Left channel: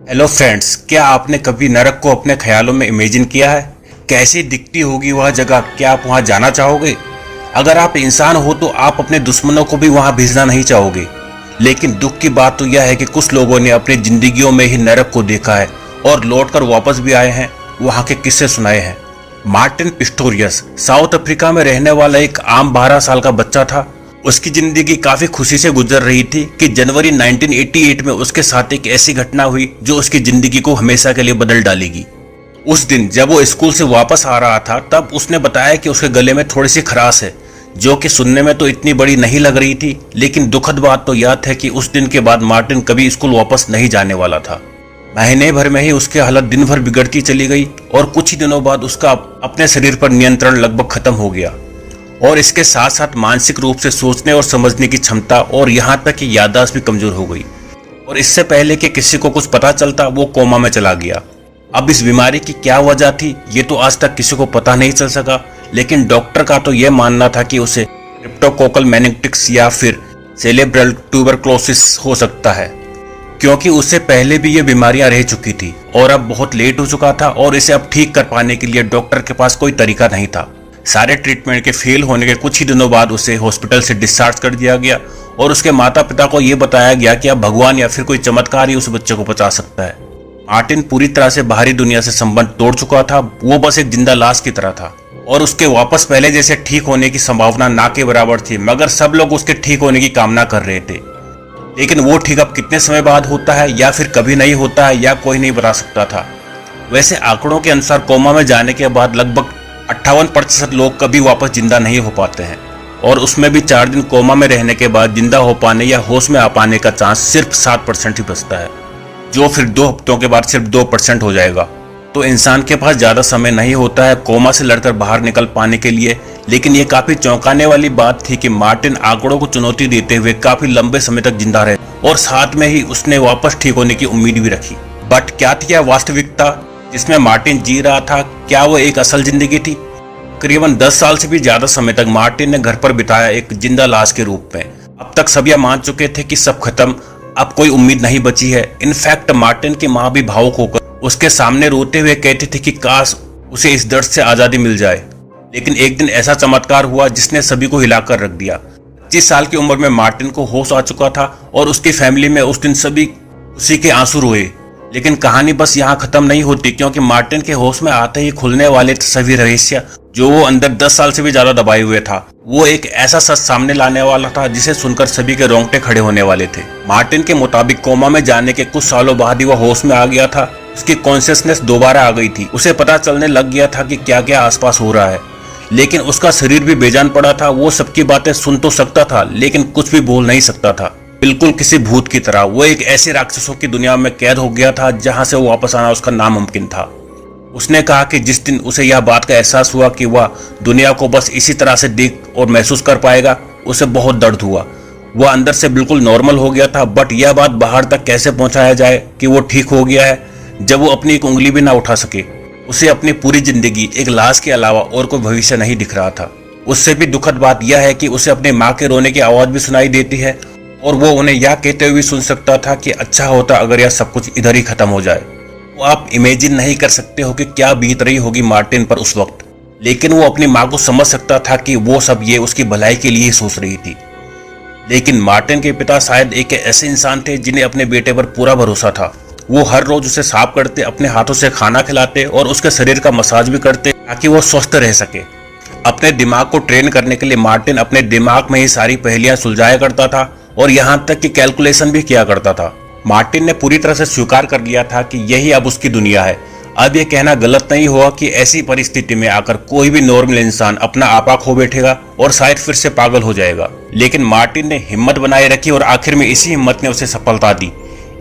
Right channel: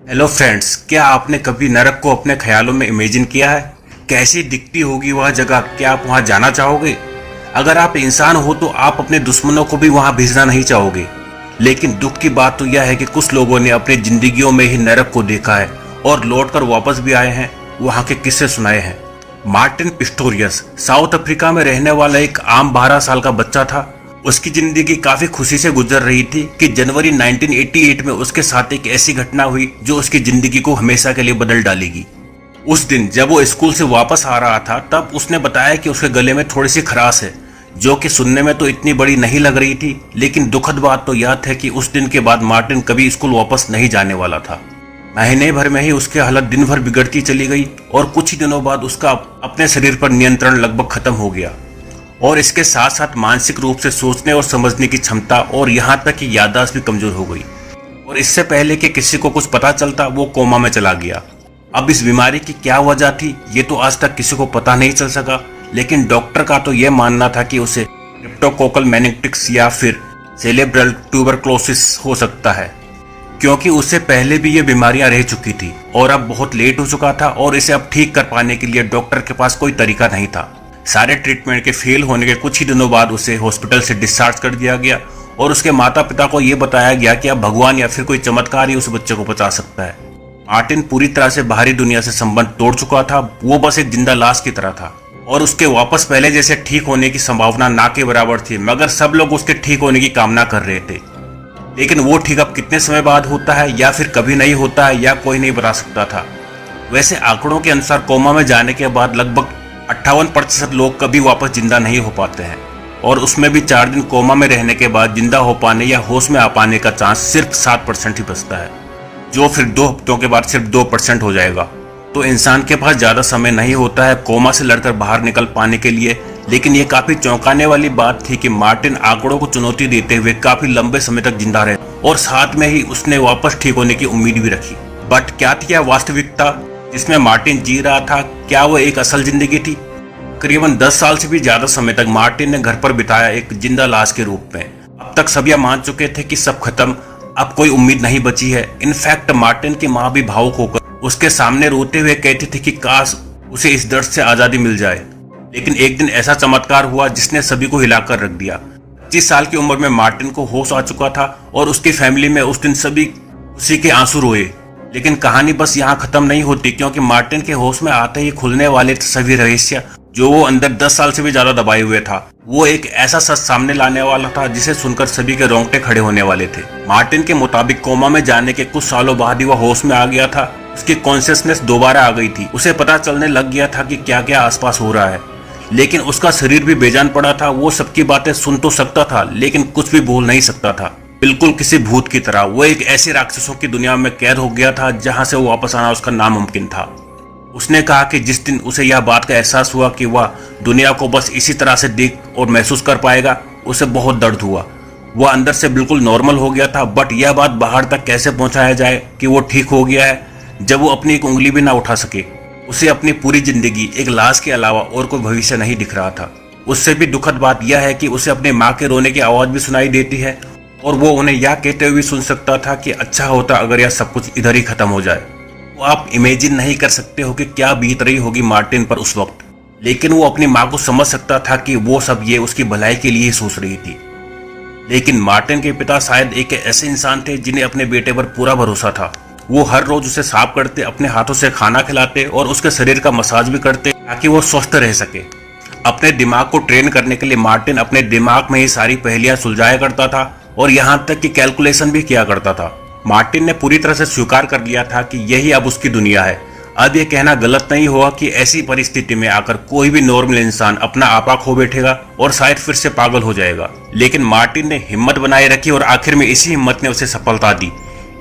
Hello friends, क्या आपने कभी नरक को अपने ख्यालों में इमेजिन किया है? कैसी दिखती होगी वह जगह? क्या आप वहां जाना चाहोगे? अगर आप इंसान हो तो आप अपने दुश्मनों को भी वहां भेजना नहीं चाहोगे। लेकिन दुख की बात तो यह है कि कुछ लोगों ने अपनी जिंदगियों में ही नरक को देखा है और लौटकर वापस भी आए हैं, वहां के किस्से सुनाए हैं। मार्टिन पिस्टोरियस साउथ अफ्रीका में रहने वाला एक आम 12 साल का बच्चा था। उसकी जिंदगी काफी खुशी से गुजर रही थी कि जनवरी 1988 में उसके साथ एक ऐसी घटना हुई जो उसकी जिंदगी को हमेशा के लिए बदल डालेगी। उस दिन जब वो स्कूल से वापस आ रहा था तब उसने बताया कि उसके गले में थोड़ी सी खराश है, जो कि सुनने में तो इतनी बड़ी नहीं लग रही थी, लेकिन दुखद बात तो यह है कि उस दिन के बाद मार्टिन कभी स्कूल वापस नहीं जाने वाला था। महीने भर में ही उसकी हालत दिन भर बिगड़ती चली गई और कुछ ही दिनों बाद उसका अपने शरीर पर नियंत्रण लगभग खत्म हो गया और इसके साथ साथ मानसिक रूप से सोचने और समझने की क्षमता और यहाँ तक कि याददाश्त भी कमजोर हो गई। और इससे पहले कि किसी को कुछ पता चलता वो कोमा में चला गया। अब इस बीमारी की क्या वजह थी ये तो आज तक किसी को पता नहीं चल सका, लेकिन डॉक्टर का तो यह मानना था कि उसे क्रिप्टोकोकल मेनिंगिटिस या फिर सेरेब्रल ट्यूबरक्लोसिस हो सकता है, क्योंकि उससे पहले भी ये बीमारियां रह चुकी थी और अब बहुत लेट हो चुका था और इसे अब ठीक कर पाने के लिए डॉक्टर के पास कोई तरीका नहीं था। सारे ट्रीटमेंट के फेल होने के कुछ ही दिनों बाद उसे हॉस्पिटल से डिस्चार्ज कर दिया गया और उसके माता पिता को यह बताया गया कि अब भगवान या फिर कोई चमत्कार ही उस बच्चे को बचा सकता है। मार्टिन पूरी तरह से बाहरी दुनिया से संबंध तोड़ चुका था, वो बस एक जिंदा लाश की तरह था और उसके वापस पहले जैसे ठीक होने की संभावना ना के बराबर थी, मगर सब लोग उसके ठीक होने की कामना कर रहे थे। लेकिन वो ठीक अब कितने समय बाद होता है या फिर कभी नहीं होता है या कोई नहीं बता सकता था। वैसे आंकड़ों के अनुसार कोमा में जाने के बाद लगभग 58% लोग कभी वापस जिंदा नहीं हो पाते हैं और उसमें भी 4 दिन कोमा में रहने के बाद जिंदा हो पाने या होश में आ पाने का चांस सिर्फ 7% ही बचता है, जो फिर 2 हफ्तों के बाद सिर्फ 2% हो जाएगा। तो इंसान के पास ज्यादा समय नहीं होता है कोमा से लड़कर बाहर निकल पाने के लिए। लेकिन ये काफी चौंकाने वाली बात थी कि मार्टिन आंकड़ों को चुनौती देते हुए काफी लंबे समय तक जिंदा रहे और साथ में ही उसने वापस ठीक होने की उम्मीद भी रखी। बट क्या थी यह वास्तविकता जिसमें मार्टिन जी रहा था? क्या वो एक असल जिंदगी थी? करीबन 10 साल से भी ज्यादा समय तक मार्टिन ने घर पर बिताया एक जिंदा लाश के रूप में। अब तक सब यह मान चुके थे कि सब खत्म, अब कोई उम्मीद नहीं बची है। इनफैक्ट मार्टिन की माँ भी भावुक होकर उसके सामने रोते हुए कहती थी कि काश उसे इस दर्द से आजादी मिल जाए। लेकिन एक दिन ऐसा चमत्कार हुआ जिसने सभी को हिलाकर रख दिया। 25 साल की उम्र में मार्टिन को होश आ चुका था और उसकी फैमिली में उस दिन सभी उसी के आंसू रोए। लेकिन कहानी बस यहाँ खत्म नहीं होती, क्योंकि मार्टिन के होश में आते ही खुलने वाले सभी रहस्य जो वो अंदर 10 साल से भी ज्यादा दबाए हुए था, वो एक ऐसा सच सामने लाने वाला था जिसे सुनकर सभी के रोंगटे खड़े होने वाले थे। मार्टिन के मुताबिक कोमा में जाने के कुछ सालों बाद ही वह होश में आ गया था। उसकी कॉन्शियसनेस दोबारा आ गई थी। उसे पता चलने लग गया था कि क्या क्या आसपास हो रहा है, लेकिन उसका शरीर भी बेजान पड़ा था। वो सबकी बातें सुन तो सकता था लेकिन कुछ भी बोल नहीं सकता था, बिल्कुल किसी भूत की तरह। वो एक ऐसे राक्षसों की दुनिया में कैद हो गया था जहां से वो वापस आना उसका नामुमकिन था। उसने कहा कि जिस दिन उसे यह बात का एहसास हुआ कि वह दुनिया को बस इसी तरह से देख और महसूस कर पाएगा, उसे बहुत दर्द हुआ। वह अंदर से बिल्कुल नॉर्मल हो गया था, बट यह बात बाहर तक कैसे पहुंचाया जाए कि वो ठीक हो गया है जब वो अपनी एक उंगली भी ना उठा सके। उसे अपनी पूरी जिंदगी एक लाश के अलावा और कोई भविष्य नहीं दिख रहा था। उससे भी दुखद बात यह है कि उसे अपनी माँ के रोने की आवाज भी सुनाई देती है और वो उन्हें यह कहते हुए सुन सकता था कि अच्छा होता अगर यह सब कुछ इधर ही खत्म हो जाए। वो आप इमेजिन नहीं कर सकते हो कि क्या बीत रही होगी मार्टिन पर उस वक्त। लेकिन वो अपनी माँ को समझ सकता था कि वो सब ये उसकी भलाई के लिए ही सोच रही थी। लेकिन मार्टिन के पिता शायद एक ऐसे इंसान थे जिन्हें अपने बेटे पर पूरा भरोसा था। वो हर रोज उसे साफ करते, अपने हाथों से खाना खिलाते और उसके शरीर का मसाज भी करते ताकि वो स्वस्थ रह सके। अपने दिमाग को ट्रेन करने के लिए मार्टिन अपने दिमाग में ही सारी पहेलियां सुलझाया करता था और यहाँ तक कि कैलकुलेशन भी किया करता था। मार्टिन ने पूरी तरह से स्वीकार कर लिया था कि यही अब उसकी दुनिया है। अब यह कहना गलत नहीं हुआ कि ऐसी परिस्थिति में आकर कोई भी नॉर्मल इंसान अपना आपा खो बैठेगा और शायद फिर से पागल हो जाएगा। लेकिन मार्टिन ने हिम्मत बनाए रखी और आखिर में इसी हिम्मत ने उसे सफलता दी।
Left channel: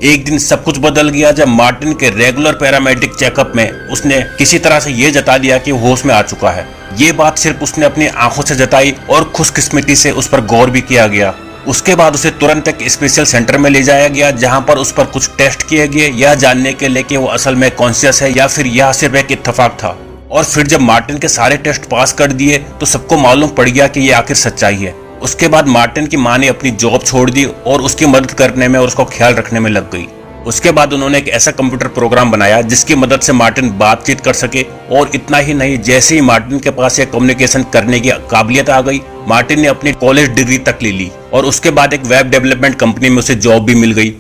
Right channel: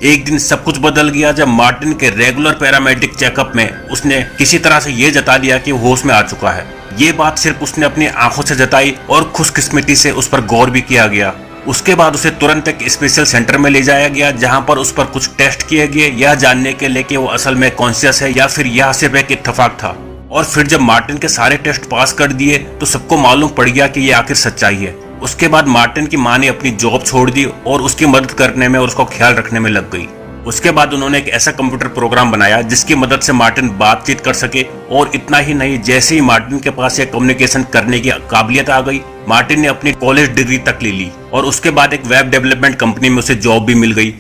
एक दिन सब कुछ बदल गया जब मार्टिन के रेगुलर पैरामेडिक चेकअप में उसने किसी तरह से ये जता दिया कि होश में आ चुका है। ये बात सिर्फ उसने अपनी आंखों से जताई और खुशकिस्मती से उस पर गौर भी किया गया। उसके बाद उसे तुरंत एक स्पेशल सेंटर में ले जाया गया जहां पर उस पर कुछ टेस्ट किए गए, यह जानने के लिए कि वो असल में कॉन्शियस है या फिर यह सिर्फ एक इत्तेफाक था। और फिर जब मार्टिन के सारे टेस्ट पास कर दिए तो सबको मालूम पड़ गया कि ये आखिर सच्चाई है। उसके बाद मार्टिन की मां ने अपनी जॉब छोड़ दी और उसकी मदद करने में और उसका ख्याल रखने में लग गई। उसके बाद उन्होंने एक ऐसा कंप्यूटर प्रोग्राम बनाया जिसकी मदद से मार्टिन बातचीत कर सके। और इतना ही नहीं, जैसे ही मार्टिन के पास ये कम्युनिकेशन करने की काबिलियत आ गई, मार्टिन ने अपनी कॉलेज डिग्री तक ले ली और उसके बाद एक वेब डेवलपमेंट कंपनी में उसे जॉब भी मिल गई।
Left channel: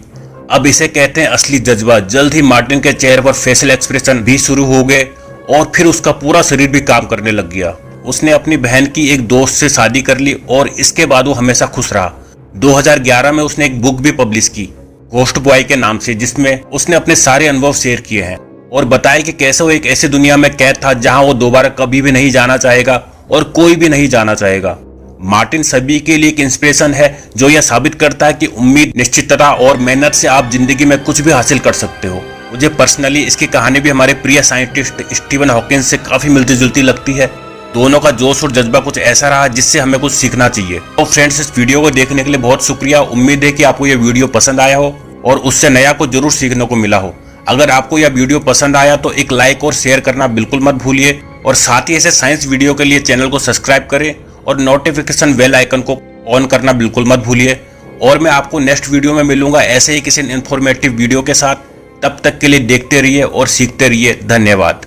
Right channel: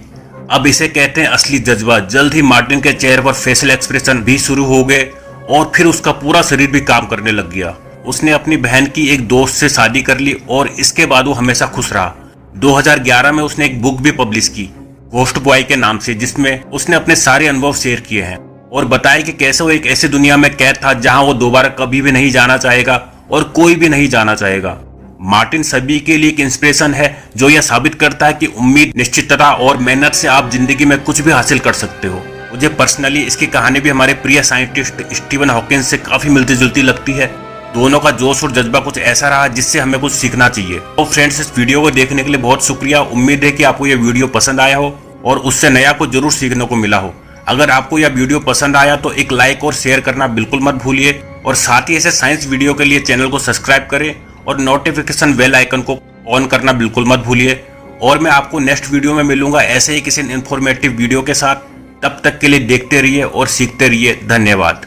अब इसे कहते हैं असली जज्बा। जल्द ही मार्टिन के चेहरे पर फेशियल एक्सप्रेशन भी शुरू हो गए और फिर उसका पूरा शरीर भी काम करने लग गया। उसने अपनी बहन की एक दोस्त से शादी कर ली और इसके बाद वो हमेशा खुश रहा। 2011 में उसने एक बुक भी पब्लिश की घोस्ट बॉय के नाम से, जिसमें उसने अपने सारे अनुभव शेयर किए हैं और बताया कि कैसे वो एक ऐसी दुनिया में कैद था जहां वो दोबारा कभी भी नहीं जाना चाहेगा और कोई भी नहीं जाना चाहेगा। मार्टिन सभी के लिए एक इंस्पिरेशन है जो यह साबित करता है कि उम्मीद, निश्चितता और मेहनत से आप जिंदगी में कुछ भी हासिल कर सकते हो। मुझे पर्सनली इसकी कहानी भी हमारे प्रिय साइंटिस्ट स्टीवन हॉकिंस से काफी मिलती जुलती लगती है। दोनों का जोश और जज्बा कुछ ऐसा रहा जिससे हमें कुछ सीखना चाहिए। तो फ्रेंड्स, इस वीडियो को देखने के लिए बहुत शुक्रिया। उम्मीद है कि आपको यह वीडियो पसंद आया हो और उससे नया कुछ जरूर सीखने को मिला हो। अगर आपको यह वीडियो पसंद आया तो एक लाइक और शेयर करना बिल्कुल मत भूलिए और साथ ही ऐसे साइंस वीडियो के लिए चैनल को सब्सक्राइब करें और नोटिफिकेशन बेल आइकन को ऑन करना बिल्कुल मत भूलिए। और मैं आपको नेक्स्ट वीडियो में मिलूंगा ऐसे ही किसी इन्फॉर्मेटिव वीडियो के साथ। तब तक के लिए देखते रहिए और सीखते रहिए। धन्यवाद।